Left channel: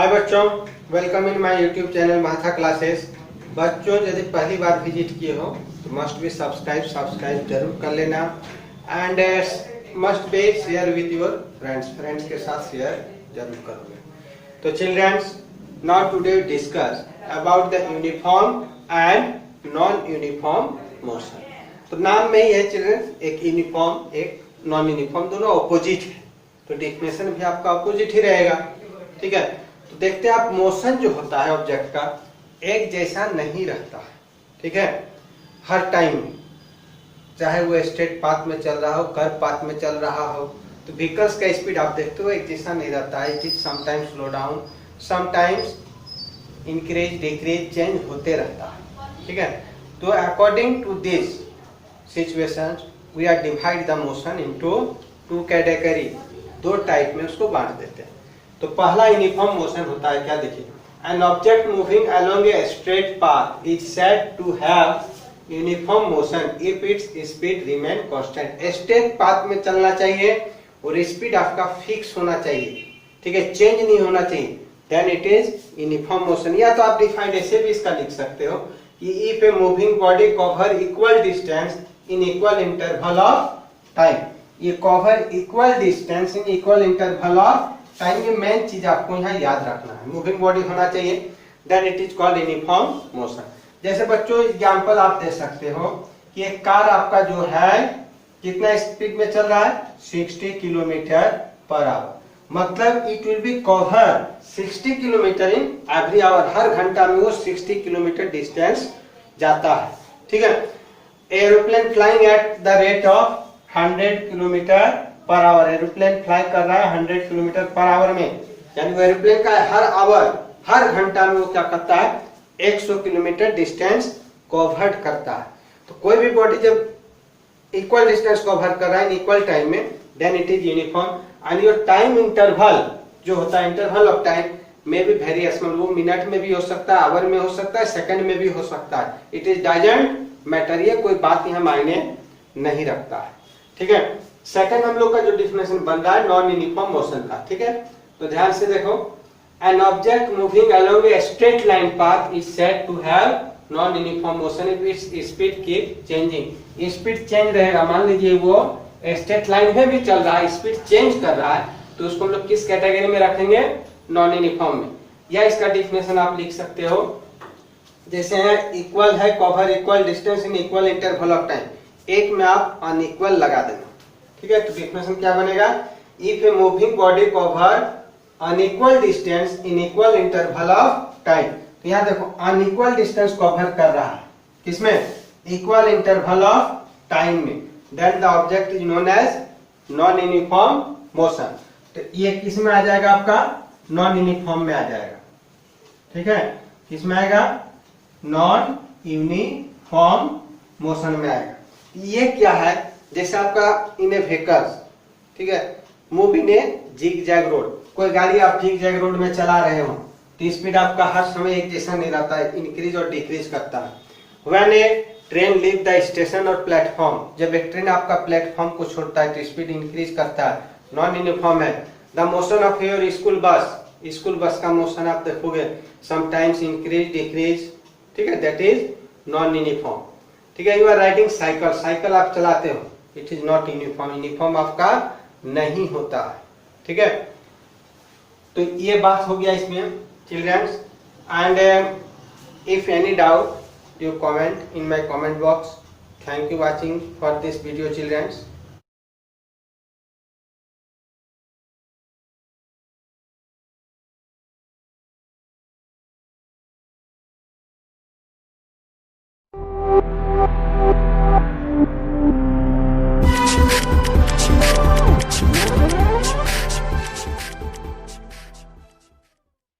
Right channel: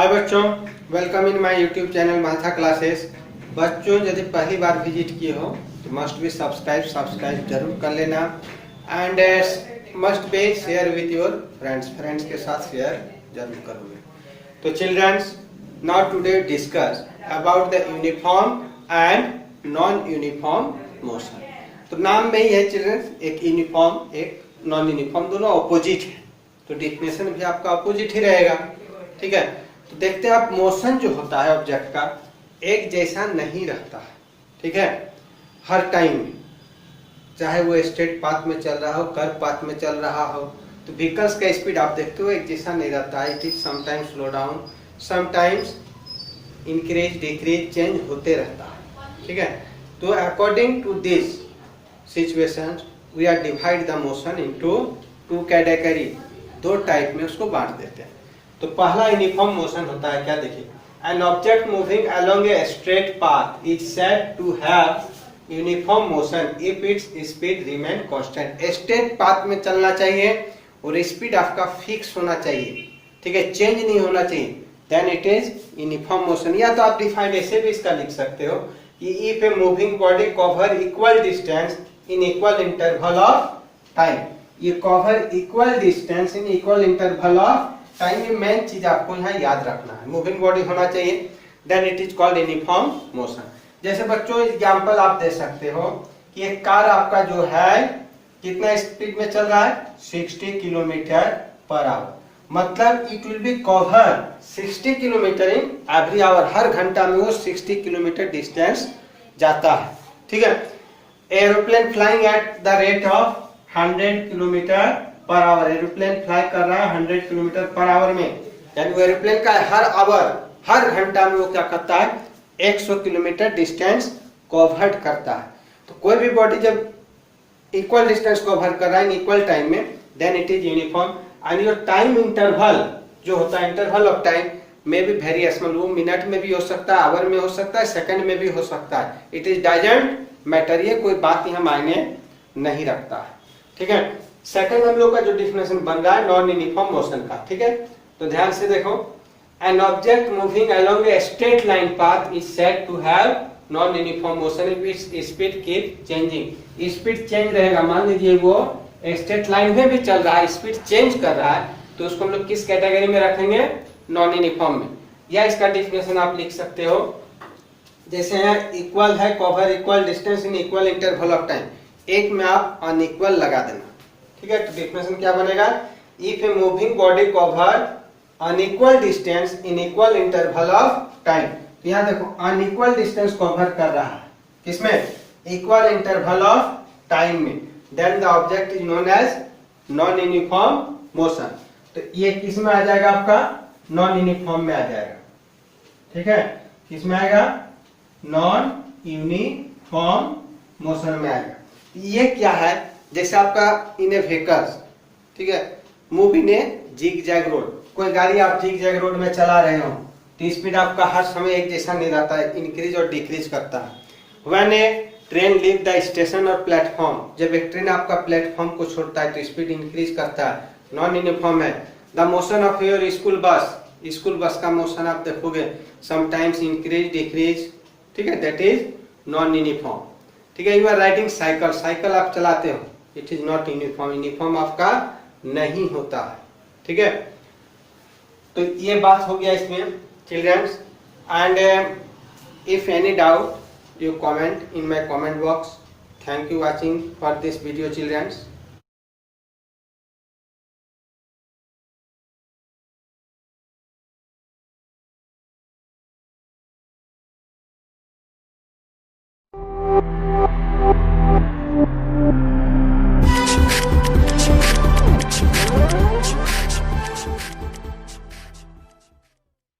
हाय बच्चों, welcome in my YouTube channel माथा classes. बच्चों यदि पहली बार विजिट किए हो तो मस्ट बी सब्सक्राइब जरूर कर लेना and must be share with your friends के साथ शेयर जरूर करोगे। तो childrens, now today discuss about the uniform and non uniform motion. तो नाम में ही है चिल्ड्रंस, एक यूनिफॉर्म एक नॉन यूनिफॉर्म, दोनों ऑपोजिट है, तो डेफिनेशन भी आपका ऑपोजिट ही रहेगा। ठीक है, तो देखते हैं आप, मोशन जो होता है ऑब्जेक्ट का एक जैसा नहीं रहता है। ठीक है, हर टाइम में, चाहे वो स्ट्रेट पाथ में चल रहा हो, कर्व पाथ में चल रहा हो, तो व्हीकल्स का स्पीड आप देखते हो एक जैसा नहीं रहता है। It is sometimes slow down, sometimes increase decrease, change होते रहता है। ठीक है, तो according to this situations we are divide the motion into two category, दो टाइप में उसको बांट देते हैं। तो पहला यूनिफॉर्म मोशन होता है, क्या देखिए, an object moving along a straight path is said to have uniform motion if its speed remain constant. Straight path में चलना चाहिए और स्पीड आपका फिक्स होना चाहिए। ठीक है, चेंज नहीं होना चाहिए, then it is uniform motion. या तो आप डिफाइंड ऐसे भी इसका लिख सकते हो कि if a moving body cover equal distance in equal interval of time. ये cover equal distance in equal interval of time, ये मेन चीज आपको यहाँ याद रखना है। मूविंग बॉडी होना चाहिए, then it is called uniform motion. जैसे बच्चों एग्जांपल आप दे सकते हो कि एक कार आपका जो है कितना स्पीड में चल रहा है, 60 किलोमीटर पर आवर, मतलब it will be cover 60 kilometre in every hour. हर घंटा में वो 60 किलोमीटर डिस्टेंस जाता है। ठीक है, aeroplane flying at the rate of 100 kilometre per our, aeroplane fly कर रहा है 100 किलोमीटर पर आवर में, यानी वो एरोप्लेन का हर आवर, हर घंटा में वो क्या करता है, 100 किलोमीटर डिस्टेंस कवर करता है। तो कोई भी बॉडी जब इक्वल डिस्टेंस कवर कर रहा है इन इक्वल टाइम में, then it is uniform. And your time interval जो होता है, इंटरवल ऑफ टाइम में भी वेरिएशन, वो मिनट में भी हो सकता है, आवर में हो सकता है, सेकंड में भी हो सकता है। इट इज डजंट मैटर, ये कोई बात यहाँ मायने नहीं रखता है। ठीक है, सेकंड हम लोग का जो डिफिनेशन बन रहा है नॉन यूनिफॉर्म मोशन का। ठीक है, तो ध्यान से देखो, an object moving along a straight line path is said to have non uniform motion if its speed keep changing. Speed change रहेगा, मान लीजिए वो स्ट्रेट लाइन में भी चल रहा है, स्पीड चेंज कर रहा है, तो उसको हम लोग किस कैटेगरी में रखेंगे, नॉन यूनिफॉर्म में। या इसका डिफिनेशन आप लिख सकते हो, जैसे यहाँ इक्वल है, cover equal distance in equal interval of time, एक में आप अनइक्वल लगा देना। ठीक है, तो डिफिनेशन क्या बनेगा, if a moving body cover unequal distance in equal interval of time. तो यहाँ देखो अनइक्वल डिस्टेंस कवर कर रहा है, किसमें, इक्वल इंटरवल ऑफ टाइम में, then the object is known as non uniform motion. तो ये किस में आ जाएगा, आपका नॉन यूनिफॉर्म में आ जाएगा। ठीक है, किसमें आएगा, नॉन यूनिफॉर्म मोशन में आएगा। ये क्या है, जैसे आपका इन ए व्हीकल्स, ठीक है, move in a zigzag road, कोई गाड़ी आप जिग जैग रोड में चला रहे हो तो स्पीड आपका हर समय एक जैसा नहीं रहता है, इंक्रीज और डिक्रीज करता है। When A train leave the station और प्लेटफॉर्म, जब एक ट्रेन आपका प्लेटफॉर्म को छोड़ता है तो स्पीड इंक्रीज करता है, नॉन यूनिफॉर्म है। The motion of your school bus, school bus का मोशन आप देखोगे समटाइम्स इंक्रीज डिक्रीज, ठीक है, दैट इज नॉन यूनिफॉर्म। ठीक है, you are riding cycle, cycle आप चलाते हो, it is not uniform, uniform आपका नहीं होता है। ठीक है, तो ये बात हो गया इसमें childrens. And if any doubt you comment in my comment box. Thank you watching for this video children's.